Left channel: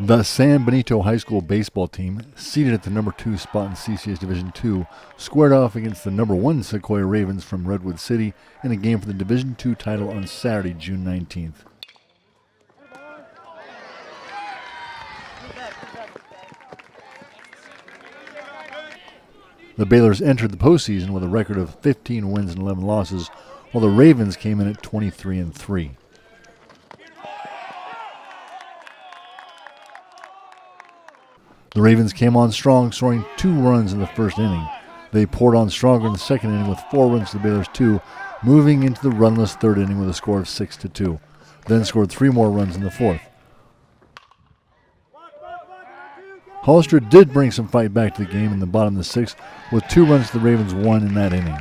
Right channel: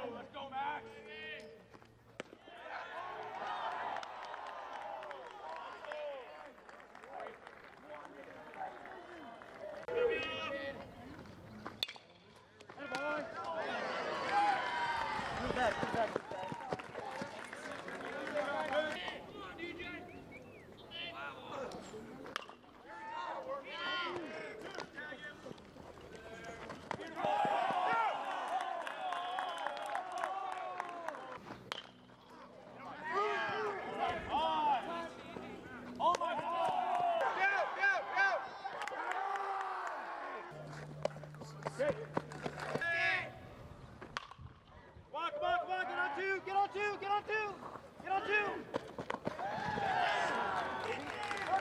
The San Benito High School baseball team, seated at the number 2 spot in CCS Division II, squared off against the number 1 Sequoia Ravens from Redwood City in a game for the Division II title on Saturday, June 19th. The Balers entered the postseason with a record of 15 wins and 11 losses, while the Ravens came in at 23-3. The Ravens came on strong, scoring 2 runs in the first inning. They poured on stronger in the second inning with 4 runs to the Balers' 2, moving into the runless third inning with a score of 6-2. Then scored 3 more runs in the fourth. Hollister did bring some fight back to the game in the bottom of the 6th, with 2 runs to the Ravens' 1 in that inning.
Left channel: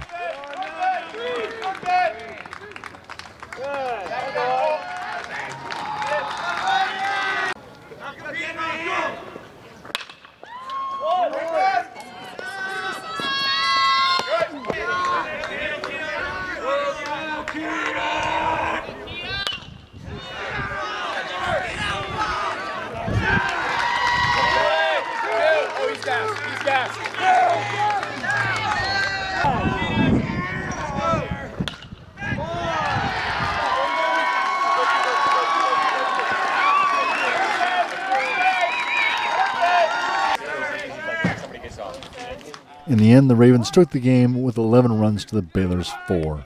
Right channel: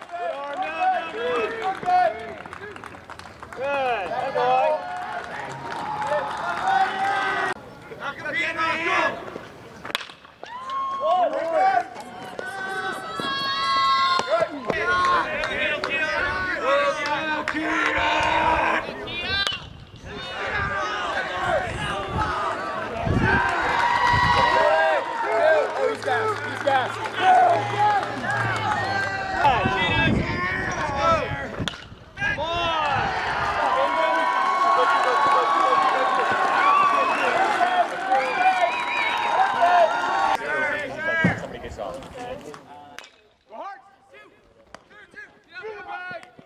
In the end, the Ravens took the game with 11 runs to the Balers' 4.